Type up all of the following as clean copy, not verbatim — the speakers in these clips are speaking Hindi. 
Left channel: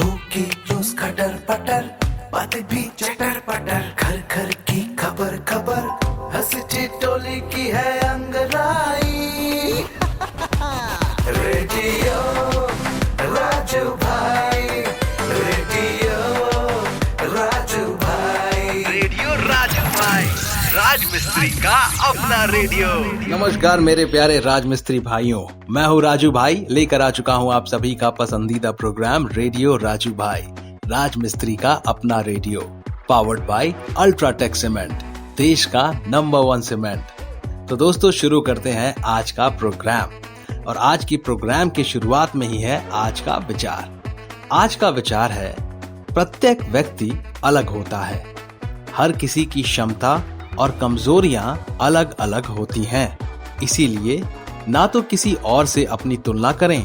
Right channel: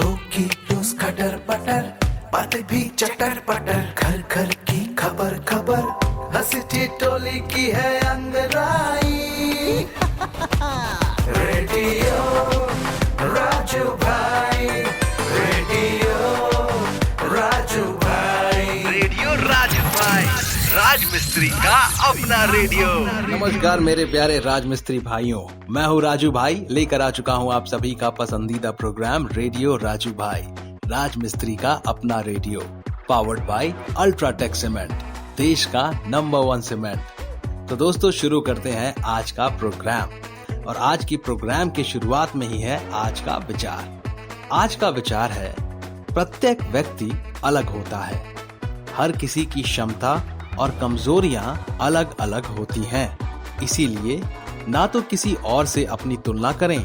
होगी रोज खटर पटर, बातें भी चटर पटर, घर घर की खबर खबर, हंसी ठिठोली की है अंगड़ाई। रेडियो राजू भाई, रेडियो राजू भाई, रेडियो राजू भाई, राज मिस्त्री का अपना रेडियो। नमस्कार मेरे प्यारे राजमिस्त्री भाइयों, मैं हूँ राजू भाई, लेकर आ चुका हूँ आप सभी का पसंदीदा प्रोग्राम रेडियो राजू भाई, राजमिस्त्री का अपना radio, powered by UltraTech cement, देश का नंबर 1 सीमेंट। तो दोस्तों शुरू करते हैं आज का प्रोग्राम, और आज की प्रोग्राम की शुरुआत में ही है आज का विचार। आज का विचार है, प्रत्येक व्यक्ति अलग होता है, हर किसी की क्षमता और कमजोरियां अलग अलग होती हैं, इसीलिए ना तो किसी और से अपनी तुलना करें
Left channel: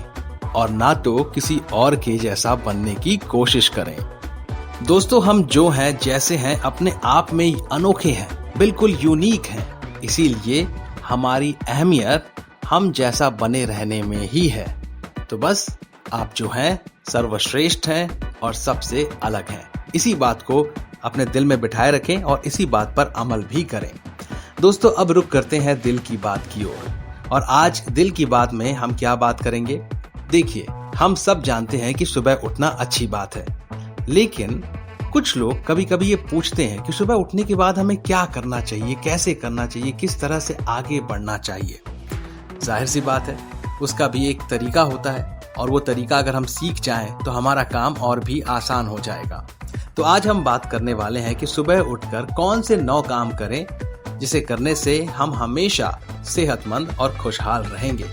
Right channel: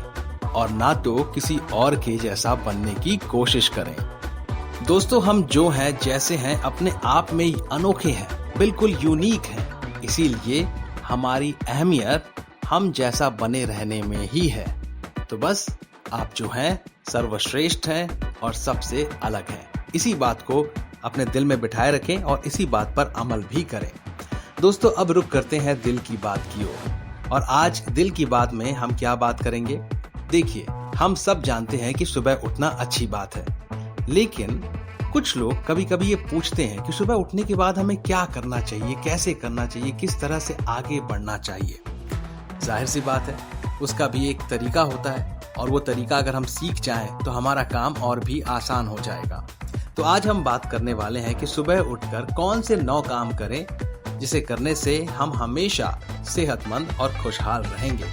और ना तो किसी और के जैसा बनने की कोशिश करें। दोस्तों हम जो हैं जैसे हैं अपने आप में ही अनोखे हैं, बिल्कुल यूनिक हैं, इसीलिए हमारी अहमियत हम जैसा बने रहने में ही है। तो बस आप जो हैं सर्वश्रेष्ठ हैं और सबसे अलग हैं। इसी बात को अपने दिल में बिठाए रखें और इसी बात पर अमल भी करें। दोस्तों अब रुक करते हैं दिल की बात की ओर, और आज दिल की बात में हम क्या बात करेंगे। देखिए हम सब जानते हैं कि सुबह उठना अच्छी बात है, लेकिन कुछ लोग कभी कभी ये पूछते हैं कि सुबह उठने के बाद हमें क्या करना चाहिए, कैसे करना चाहिए, किस तरह से आगे बढ़ना चाहिए। जाहिर सी बात है, उसका भी एक तरीका होता है, और वो तरीका अगर हम सीख जाएं तो हमारा काम और भी आसान हो जाएगा। तो आज हम बात करने वाले हैं कि सुबह उठकर कौन से 9 काम करें जिसे करने से हम हमेशा सेहतमंद और खुशहाल रहेंगे।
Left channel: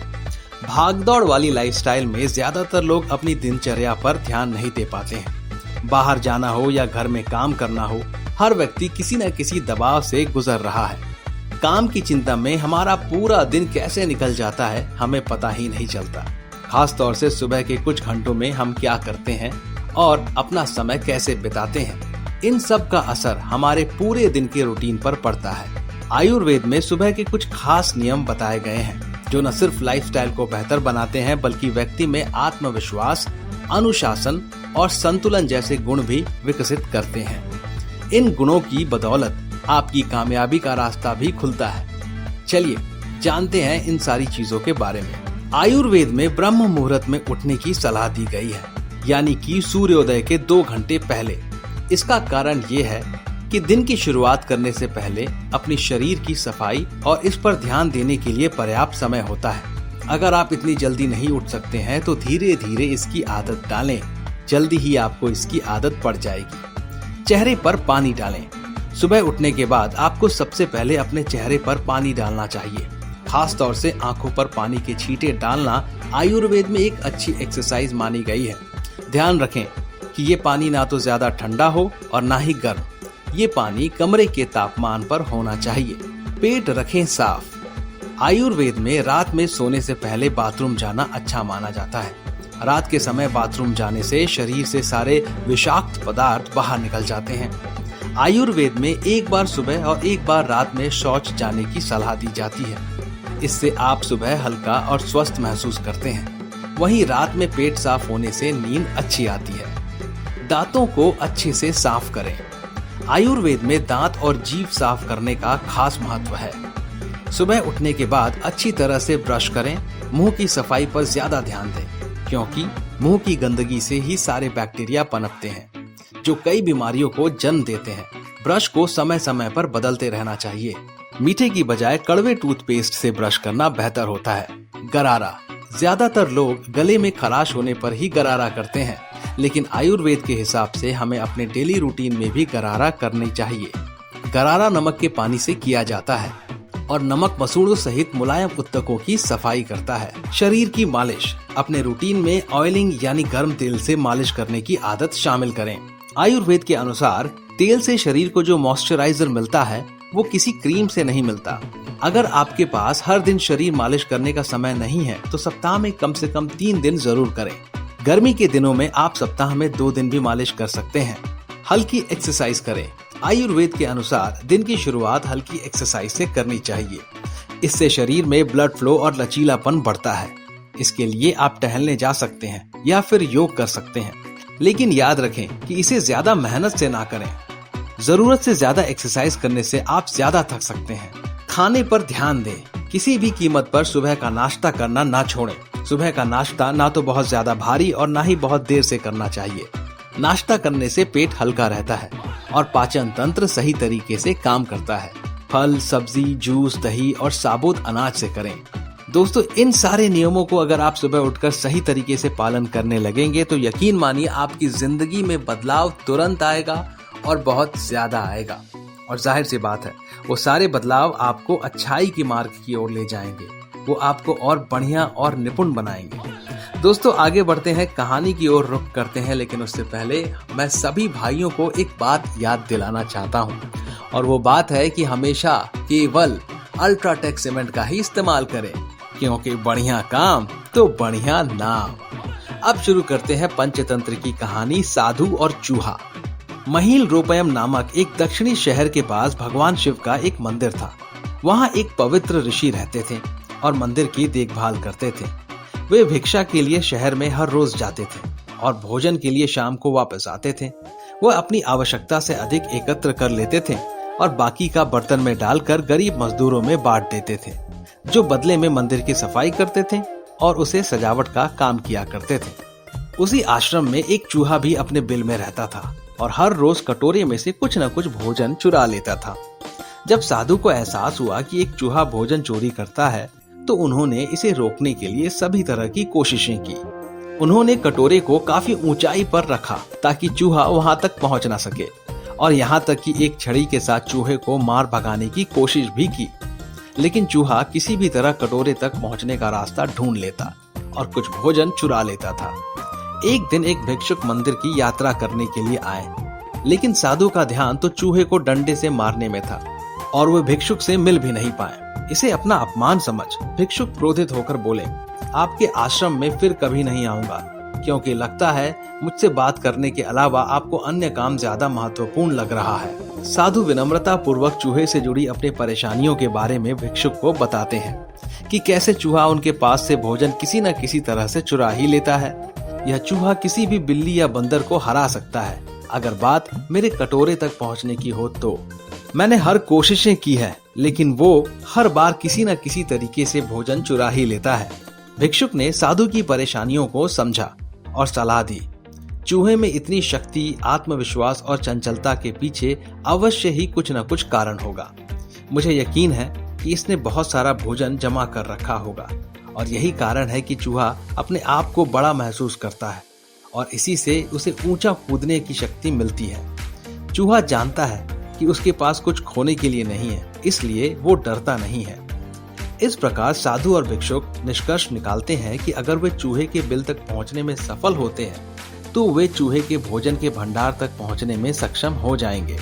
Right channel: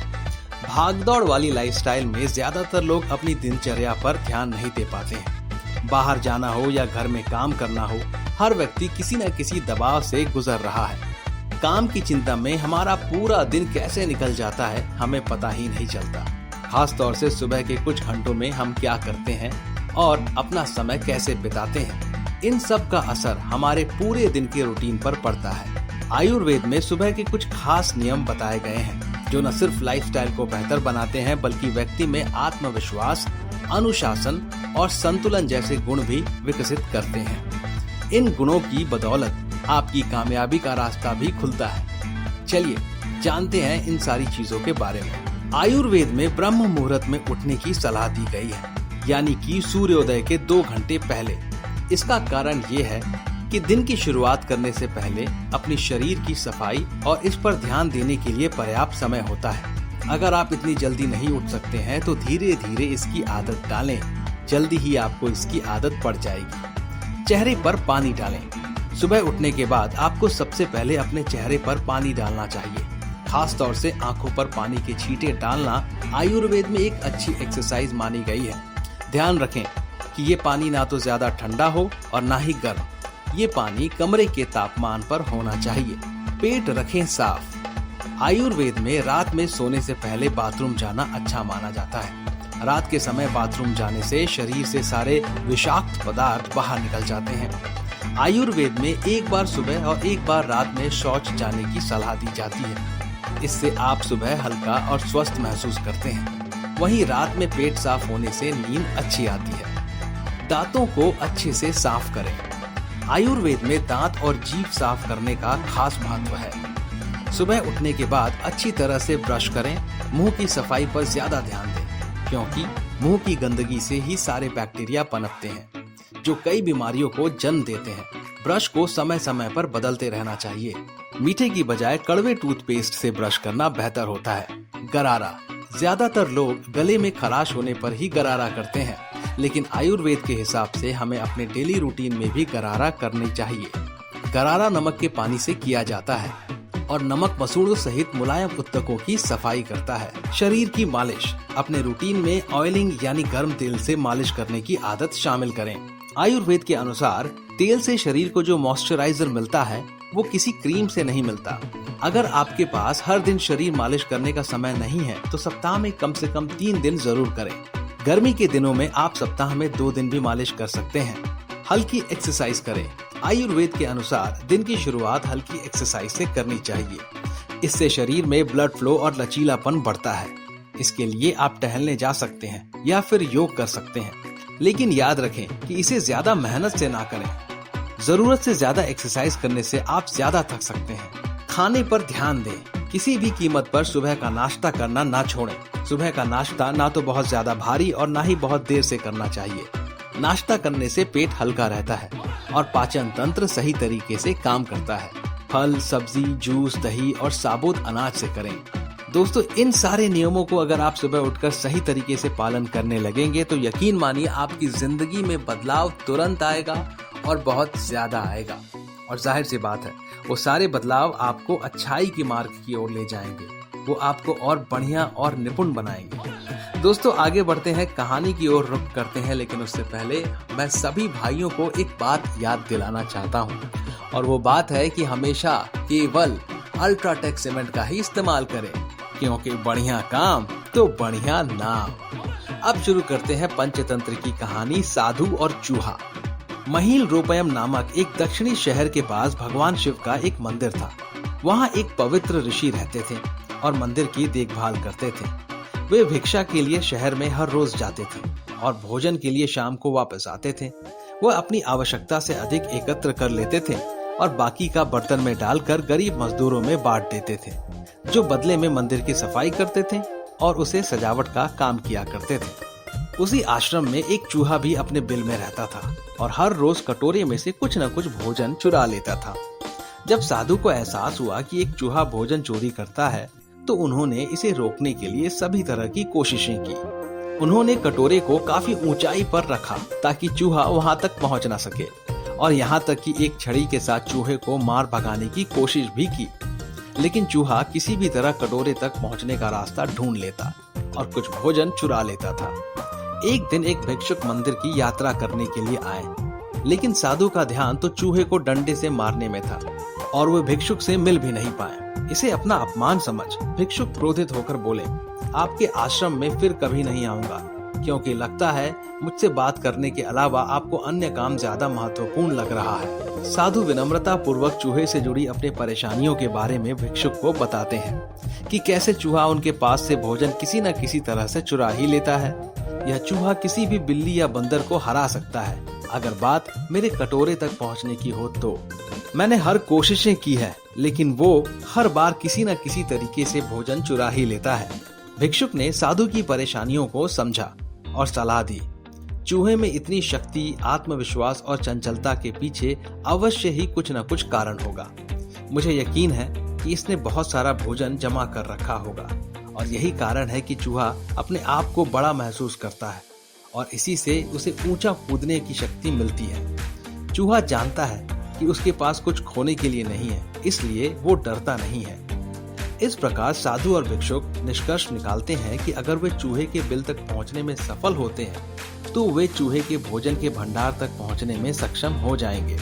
भागदौड़ वाली लाइफस्टाइल में ज्यादातर लोग अपनी दिनचर्या पर ध्यान नहीं दे पाते हैं। बाहर जाना हो या घर में काम करना हो, हर व्यक्ति किसी न किसी दबाव से गुजर रहा है। काम की चिंता में हमारा पूरा दिन कैसे निकल जाता है हमें पता ही नहीं चलता। खास तौर से सुबह के कुछ घंटों में हम क्या करते हैं और अपना समय कैसे बिताते हैं, इन सब का असर हमारे पूरे दिन के रूटीन पर पड़ता है। आयुर्वेद में सुबह के कुछ खास नियम बताए गए हैं जो न सिर्फ लाइफस्टाइल को बेहतर बनाते हैं बल्कि व्यक्ति में आत्मविश्वास, अनुशासन और संतुलन जैसे गुण भी विकसित करते हैं। इन गुणों की बदौलत आपकी कामयाबी का रास्ता भी खुलता है। चलिए जानते हैं इन सारी चीजों के बारे में। आयुर्वेद में ब्रह्म मुहूर्त में उठने की सलाह दी गई है, यानी कि सूर्योदय के 2 घंटे पहले। इसका कारण ये है कि दिन की शुरुआत करने से पहले अपनी शरीर की सफाई और इस पर ध्यान देने के लिए पर्याप्त समय होता है। अगर आप इतनी जल्दी नहीं उठ सकते हैं तो धीरे धीरे इसकी आदत डालें, जल्दी ही आपको इसकी आदत पड़ जाएगी। चेहरे पर पानी डालें। सुबह उठने के बाद आपको सबसे पहले अपने चेहरे पर पानी डालना चाहिए। खास तौर से आंखों पर पानी के छींटे डालना आयुर्वेद में एक अच्छी एक्सरसाइज मानी गई है। ध्यान रखें कि ये पानी ना तो ज्यादा ठंडा हो और ना ही गर्म। ये पानी कमरे के तापमान पर होना चाहिए। पेट रखें साफ। आयुर्वेद में रात में सोने से पहले बाथरूम जाना अच्छा माना जाता है। रात के समय बाथरूम जाने से शरीर से सारे विषाक्त पदार्थ बाहर निकल जाते हैं। आयुर्वेद में एक बार सुबह और एक बार रात में शौच जाने की सलाह दी जाती है। इससे आप सुबह हल्का और स्वस्थ महसूस करते हैं। वहीं रात में पेट साफ होने से नींद अच्छी आती है। दांतों को अच्छे से साफ करें। आयुर्वेद में दांत और जीभ साफ करने का खास महत्व है। सुबह उठने के बाद अच्छी तरह से ब्रश करें। मुंह की सफाई पर ज्यादा ध्यान दें, क्योंकि मुंह की गंदगी से ही सारे बैक्टीरिया पनपते हैं जो कई बीमारियों को जन्म देते हैं। ब्रश को समय समय पर बदलते रहना चाहिए। मीठे की बजाय कड़वे टूथपेस्ट से ब्रश करना बेहतर होता है। गरारा। ज्यादातर लोग गले में खराश होने पर ही गरारा करते हैं, लेकिन आयुर्वेद के हिसाब से हमें अपने डेली रूटीन में भी गरारा करनी चाहिए। गरारा नमक के पानी से किया जाता है और नमक मसूड़ों सहित मुलायम ऊतकों की सफाई करता है। शरीर की मालिश। अपने रूटीन में ऑयलिंग यानी गर्म तेल से मालिश करने की आदत शामिल करें। आयुर्वेद के अनुसार तेल से शरीर को जो मॉइस्चराइजर मिलता है वो किसी क्रीम से नहीं मिलता। अगर आपके पास हर दिन शरीर मालिश करने का समय नहीं है तो सप्ताह में कम से कम 3 दिन जरूर करें। गर्मी के दिनों में आप सप्ताह में 2 दिन भी मालिश कर सकते हैं। हल्की एक्सरसाइज करें। आयुर्वेद के अनुसार दिन की शुरुआत हल्की एक्सरसाइज से करनी चाहिए। इससे शरीर में ब्लड फ्लो और लचीलापन बढ़ता है। इसके लिए आप टहलने जा सकते हैं या फिर योग कर सकते हैं। लेकिन याद रखें कि इसे ज्यादा मेहनत से ना करें। जरूरत से ज्यादा एक्सरसाइज करने से आप ज्यादा थक सकते हैं। खाने पर ध्यान दें। किसी भी कीमत पर सुबह का नाश्ता करना ना छोड़ें। सुबह का नाश्ता ना तो बहुत ज्यादा भारी और ना ही बहुत देर से करना चाहिए। नाश्ता करने से पेट हल्का रहता है और पाचन तंत्र सही तरीके से काम करता है। फल, सब्जी, जूस, दही और साबुत अनाज से करें। दोस्तों, इन सारे नियमों को अगर आप सुबह उठकर सही तरीके से पालन करने लगेंगे तो यकीन मानिए आपकी जिंदगी में बदलाव तुरंत आएगा और बहुत ज्यादा आएगा। और जाहिर सी बात है, वो सारे बदलाव आपको अच्छाई की मार्ग की ओर ले जाएंगे। वो आपको और बढ़िया और निपुण बनाएंगे। दोस्तों, आगे बढ़ते हैं, कहानी की ओर रुख करते हैं, लेकिन उससे पहले मैं सभी भाइयों को एक बात याद दिलाना चाहता हूँ, और वो बात है कि हमेशा केवल अल्ट्राटेक सीमेंट का ही इस्तेमाल करें, क्योंकि बढ़िया काम तो बढ़िया नाम। अब शुरू करते हैं पंचतंत्र की कहानी, साधु और चूहा। महिल रोपयम नामक एक दक्षिणी शहर के पास भगवान शिव का एक मंदिर था। वहाँ एक पवित्र ऋषि रहते थे और मंदिर की देखभाल करते थे। वे भिक्षा के लिए शहर में हर रोज जाते थे और भोजन के लिए शाम को वापस आते थे। वह अपनी आवश्यकता से अधिक एकत्र कर लेते थे और बाकी का बर्तन में डालकर गरीब मजदूरों में बांट देते थे, जो बदले में मंदिर की सफाई करते थे और उसे सजावट का काम किया करते थे। उसी आश्रम में एक चूहा भी अपने बिल में रहता था और हर रोज कटोरे में से कुछ न कुछ भोजन चुरा लेता था। जब साधु को एहसास हुआ कि एक चूहा भोजन चोरी करता है, तो उन्होंने इसे रोकने के लिए सभी तरह की कोशिशें की। उन्होंने कटोरे को काफी ऊंचाई पर रखा ताकि चूहा वहां तक पहुंच न सके, और यहाँ तक कि एक छड़ी के साथ चूहे को मार भगाने की कोशिश भी की। लेकिन चूहा किसी भी तरह कटोरे तक पहुंचने का रास्ता ढूंढ लेता और कुछ भोजन चुरा लेता था। एक दिन एक भिक्षुक मंदिर की यात्रा करने के लिए आए, लेकिन साधु का ध्यान तो चूहे को डंडे से मारने में था और वे भिक्षुक से मिल भी नहीं पाए। इसे अपना अपमान समझ भिक्षुक क्रोधित होकर बोले, आपके आश्रम में फिर कभी नहीं आऊंगा, क्योंकि लगता है मुझसे बात करने के अलावा आपको अन्य काम ज्यादा महत्वपूर्ण लग रहा है। साधु विनम्रता पूर्वक चूहे से जुड़ी अपनी परेशानियों के बारे में भिक्षुक को बताते हैं कि कैसे चूहा उनके पास से भोजन किसी न किसी तरह से चुरा ही लेता है। यह चूहा किसी भी बिल्ली या बंदर को हरा सकता है। अगर बात मेरे कटोरे तक पहुंचने की हो तो मैंने हर कोशिशें की है, लेकिन वो हर बार किसी न किसी तरीके से भोजन चुरा ही लेता है। भिक्षुक ने साधु की परेशानियों को समझा और सलाह दी। चूहे में इतनी शक्ति, आत्मविश्वास और चंचलता के पीछे अवश्य ही कुछ न कुछ कारण होगा। मुझे यकीन है कि इसने बहुत सारा भोजन जमा कर रखा होगा और यही कारण है कि चूहा अपने आप को बड़ा महसूस करता है और इसी से उसे ऊंचा कूदने की शक्ति मिलती है। चूहा जानता है कि उसके पास कुछ खोने के लिए नहीं है, इसलिए वो डरता नहीं है। इस प्रकार साधु और भिक्षुक निष्कर्ष निकालते हैं कि अगर वे चूहे के बिल तक पहुंचने में सफल होते हैं तो वे चूहे के भोजन के भंडार तक पहुंचने में सक्षम हो जाएंगे।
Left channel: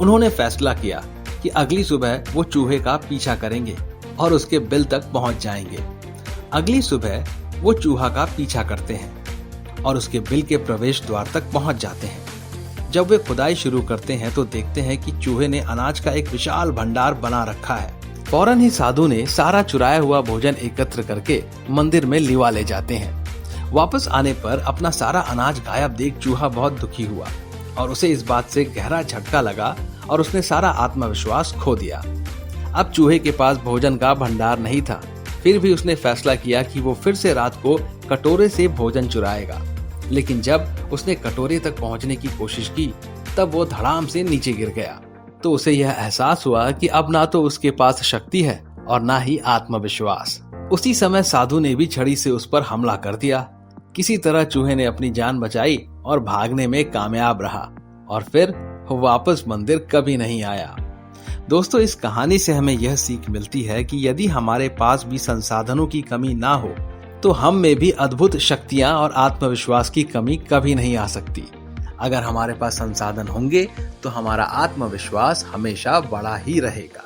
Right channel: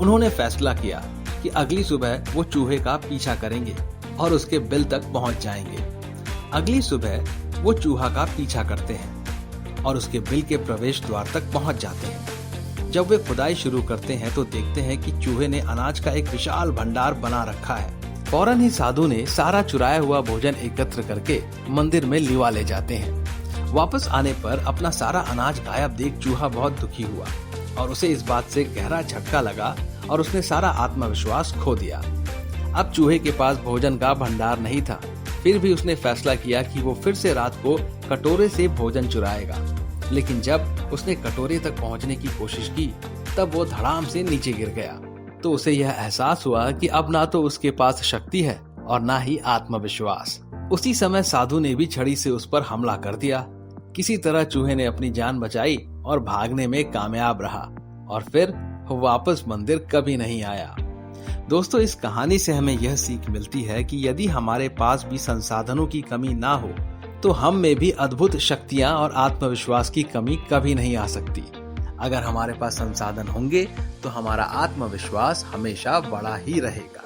उन्होंने फैसला किया कि अगली सुबह वो चूहे का पीछा करेंगे और उसके बिल तक पहुंच जाएंगे। अगली सुबह वो चूहा का पीछा करते हैं और उसके बिल के प्रवेश द्वार तक पहुंच जाते हैं। जब वे खुदाई शुरू करते हैं तो देखते हैं कि चूहे ने अनाज का एक विशाल भंडार बना रखा है। फौरन ही साधु ने सारा चुराया हुआ भोजन एकत्र करके मंदिर में लिवा ले जाते हैं। वापस आने पर अपना सारा अनाज गायब देख चूहा बहुत दुखी हुआ और उसे इस बात से गहरा झटका लगा और उसने सारा आत्मविश्वास खो दिया। अब चूहे के पास भोजन का भंडार नहीं था, फिर भी उसने फैसला किया कि वो फिर से रात को कटोरे से भोजन चुराएगा। लेकिन जब उसने कटोरे तक पहुंचने की कोशिश की तब वो धड़ाम से नीचे गिर गया। तो उसे यह एहसास हुआ कि अब ना तो उसके पास शक्ति है और ना ही आत्मविश्वास। उसी समय साधु ने भी छड़ी से उस पर हमला कर दिया। किसी तरह चूहे ने अपनी जान बचाई और भागने में कामयाब रहा और फिर वापस मंदिर कभी नहीं आया। दोस्तों, इस कहानी से हमें यह सीख मिलती है कि यदि हमारे पास भी संसाधनों की कमी ना हो तो हम में भी अद्भुत शक्तियां और आत्मविश्वास की कमी कभी नहीं आ सकती। अगर हमारे पास संसाधन होंगे तो हमारा आत्मविश्वास हमेशा बड़ा ही रहेगा।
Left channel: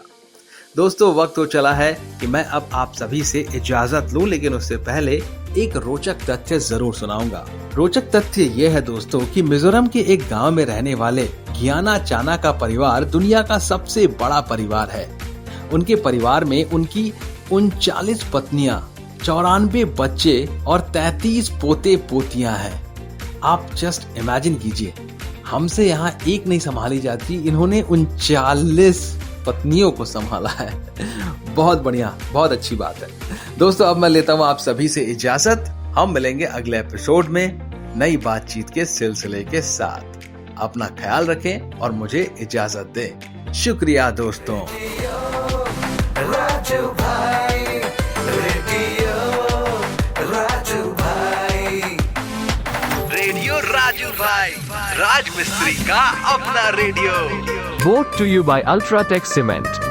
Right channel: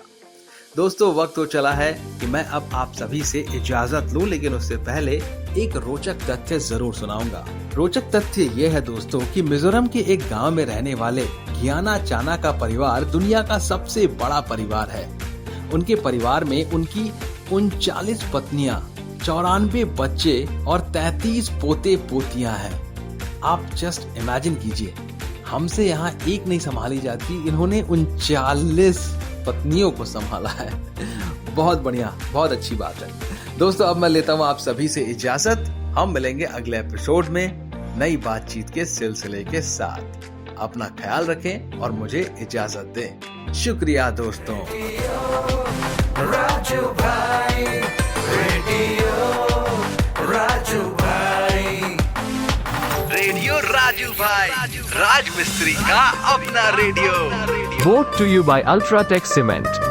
दोस्तों, वक्त तो चला है कि मैं अब आप सभी से इजाजत लूं, लेकिन उससे पहले एक रोचक तथ्य जरूर सुनाऊंगा। रोचक तथ्य यह है दोस्तों कि मिजोरम के एक गांव में रहने वाले गियाना चाना का परिवार दुनिया का सबसे बड़ा परिवार है। उनके परिवार में उनकी 39 पत्नियां, 94 बच्चे और 33 पोते पोतियां हैं। आप जस्ट इमेजिन कीजिए, हमसे यहाँ एक नहीं संभाली जाती, इन्होंने 39 पत्नियों को संभाला है। बहुत बढ़िया, बहुत अच्छी बात है। दोस्तों अब मैं लेता हूँ आप सभी से इजाजत। हम मिलेंगे अगले एपिसोड में नई बातचीत के सिलसिले के साथ। अपना ख्याल रखें और मुझे इजाजत दें। शुक्रिया दोस्तों। राजू भाई, रेडियो राजू भाई, रेडियो राजू भाई, राज मिस्त्री का अपना radio. Brought to you by Ultratech Cement.